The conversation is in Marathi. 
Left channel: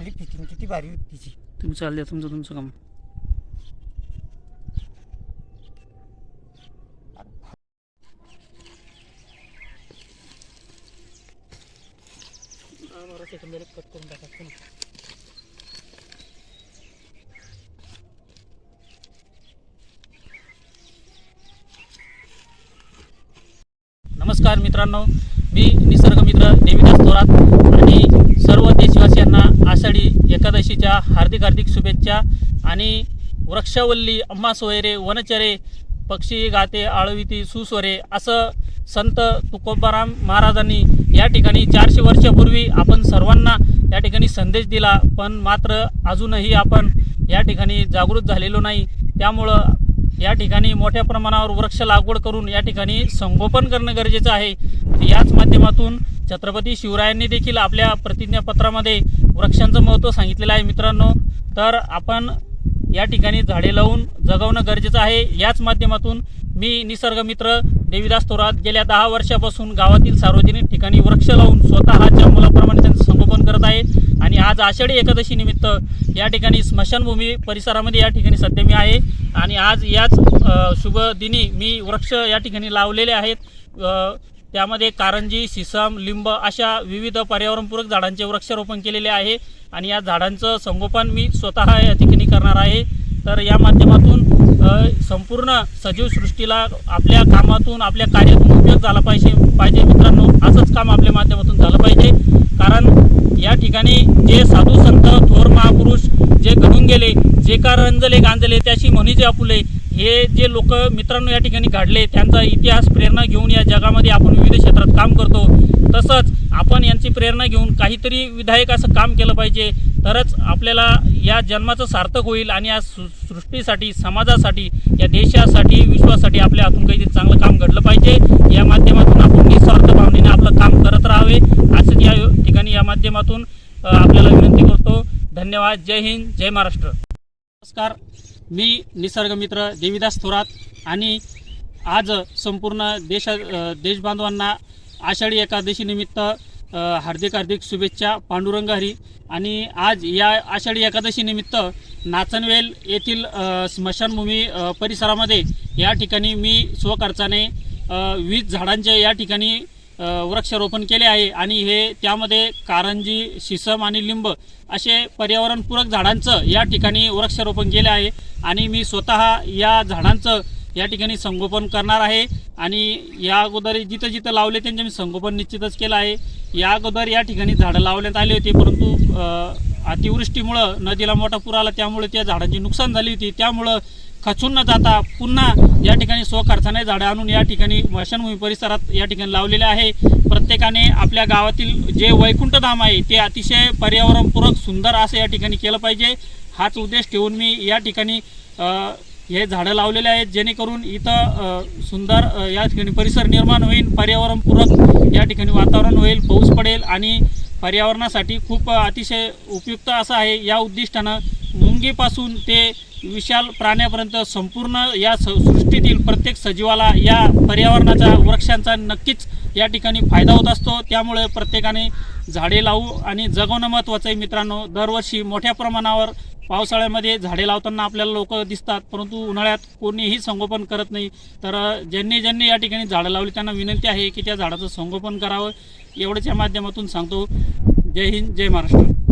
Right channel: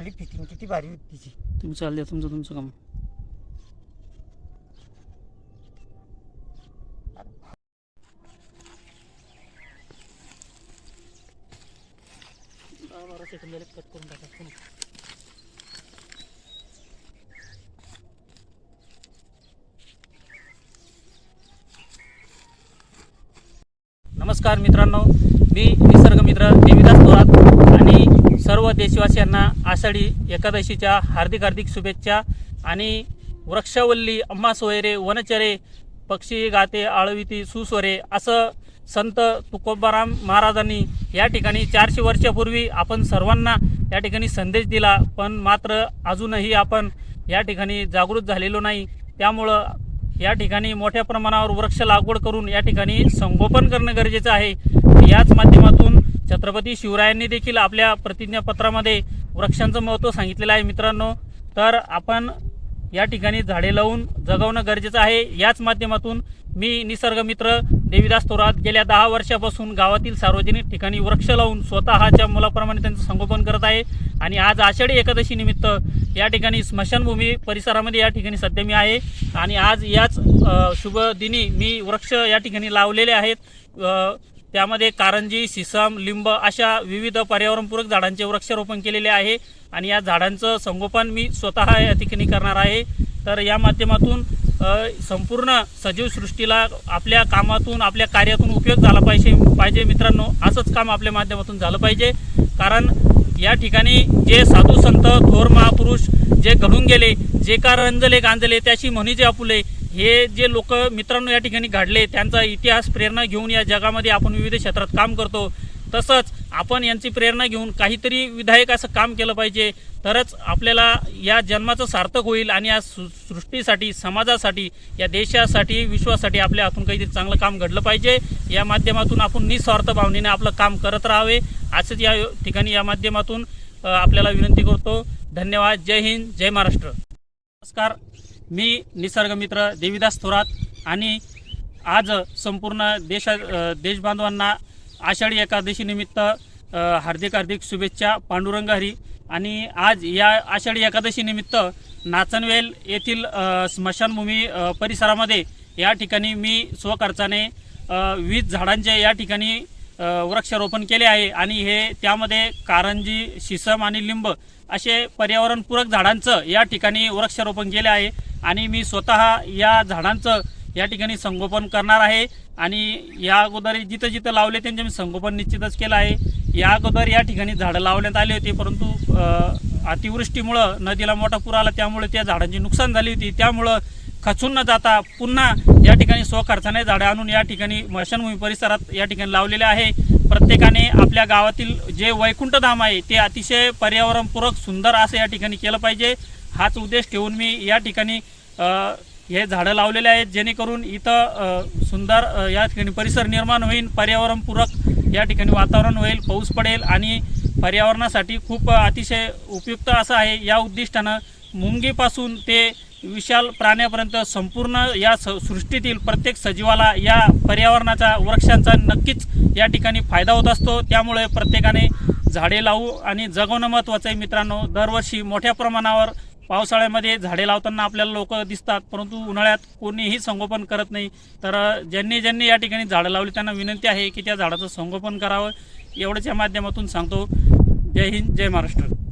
खाली फिटिंग किती भारी होती तिची. तुम्ही चालले तुमचं तुमचं काम. बारा सेकंद कट करून टाका नमस्कार मित्रांनो मी निसर्ग मित्र देविदास थोरात. आषाढी एकादशीच्या हार्दिक हार्दिक शुभेच्छा आणि वृक्षवल्ली अम्मा सोयरे वनचरे पक्षी गाते आळविती सुस्वरे असं संत तुकोबाराम महाराजांनी या ठिकाणी चारशे वर्षापूर्वी आपण सर्वांना या ठिकाणी संदेश दिला पण मात्र अजूनही आपण या ठिकाणी जागृत झालेलो नाही. त्यामुळं या ठिकाणी मोठ्या प्रमाणावर वृक्ष लागवड करून या ठिकाणी संगोपन करणं गरजेचं आहे. याच माध्यमातून छत्रपती शिवरायांनी देखील आपल्या प्रतिज्ञापत्रामध्ये वृक्षांचं महत्त्व सांगितलेलं आहे मित्रांनो. तर आपण या ठिकाणी झाडे लावून जगवणं गरजेचं आहे. याच माध्यमातून मी निसर्गमित्र देवीदास थोरात गेल्या दहा वर्षापासून गावातील सार्वजनिक ठिकाणी वृक्ष लावून स्वतःच्या मुलाप्रमाणे त्यांचं संगोपन करत आहे. आणि आज आषाढी एकादशी निमित्त या ठिकाणी स्मशानभूमी परिसरामध्ये या ठिकाणी सध्या मी आहे. आणि आज याच शुभदिनी शुभ दिनी मी वृक्ष या ठिकाणी लावलेले आहेत. त्यामध्ये कारंजी सिसम लिंब अशा विविध पर्यावरणपूरक झाडांचे वृक्षारोपण केलेले आहे. आणि या झाडांचं संगोपन मी स्वतः या ठिकाणी करणार आहे. तर या माध्यमातून संपूर्ण सजीव सृष्टीला आपल्या कामातून आपल्या कार्यातून उपयोग झाला पाहिजे पाहिजे मित्रांनो. असंच काम आपल्या माध्यमातून झालं पाहिजे. कारण या ठिकाणी जे साधू संत थोर महापुरुष जे घडून गेले जे का रंजले गांजले त्याशी म्हणी जे आपुले हे जे लोक मित्रांनो या ठिकाणी घडले त्यांचा इतिहास प्रेरणा घेऊन या जगामध्ये आपण विविध क्षेत्रात काम करतो. तसंच आपण यांची प्रेरणा घेऊन काहीतरी विधायक असं काम केलं पाहिजे. तरच आपल्याला या जन्माचं सार्थक होईल आणि या सृष्टीसाठी समाजासाठी या देशासाठी विश्वासाठी आपल्या हातून काहीतरी चांगलं काम घडलं पाहिजे. या माध्यमातून आपण निस्वार्थ भावनेने आपलं काम करत राहावे. असंच या ठिकाणी या माध्यमातून आपल्याला विनंती करतो. धन्यवाद. जय हिंद. जय महाराष्ट्र. नमस्कार. मी निसर्गमित्र देवीदास देविदास थोरात आणि आज संपूर्ण देशा देशबांधवांना आषाढी एकादशीनिमित्त हार्दिक हार्दिक शुभेच्छा पांडुरंग हरी. आणि आज या आषाढी एकादशीनिमित्त नाचनवेल येथील स्मशानभूमी परिसरामध्ये या ठिकाणी मी स्वखर्चाने अ, वीस झाडांचे या ठिकाणी वृक्षारोपण केले आहे आणि हे त्यामध्ये कारंजी शिसम आणि लिंब असे पर्यावरणपूरक झाडांचं या ठिकाणी वृक्षारोपण केले आहे आणि मी स्वतः या झाडांचं या ठिकाणी संगोपन करणार आहे आणि या अगोदर जिथं जिथं लावले त्यांचे मी संगोपन निश्चितच केलं आहे. या अगोदर या ठिकाणी झाडं लावण्यात आले होते परंतु अतिवृष्टीमुळं नदीला मोठा पूर आला त्यामुळे त्या झाडांची नुकसान झाली होती. त्यामुळं खचून न जाता पुन्हा या ठिकाणी स्वखर्चाने झाडं आणून या ठिकाणी मशानभूमी परिसरात या ठिकाणी लावलेले आहे. प्रत्येकाने आपल्या गावातील जे वैकुंठधाम आहे ते अतिशय पर्यावरणपूरक सुंदर असं या ठिकाणी केलं पाहिजे. हाच उद्देश ठेवून मी या ठिकाणी हे झाडं लावलेले आहेत. जेणेकरून इथं सुंदर या ठिकाणी परिसर निर्माण होईल पर्यावरणपूरक या ठिकाणी वातावरण होईल पाऊस पडेल आणि पर्यावरणासाठी खूप अतिशय उपयुक्त असं आहे. या उद्दिष्टानं मुंगीपासून ते विशाल प्राण्यापर्यंत संपूर्ण या स सृष्टीतील प्रत्येक सजीवाला या पर्यावरणाचा वृक्षांचा नक्कीच या ठिकाणी फायदा होत असतो. त्यामुळे प्रत्येकाने झाडे लावू आणि जगवणं महत्त्वाचं आहे मित्रांनो. दरवर्षी मोठ्या प्रमाणावर पावसाळ्यामध्ये झाडे लावताना आपल्याला लोक दिसतात परंतु उन्हाळ्यात कोणीही संगोपन करत नाही. तर ज्यांनी ज्यांनी या ठिकाणी झाडं लावली त्यांना विनंती आहे की त्या झाडाचं संगोपन करावं. एवढंच या माध्यमातून सांगतो. जय हिंद जय महाराष्ट्र.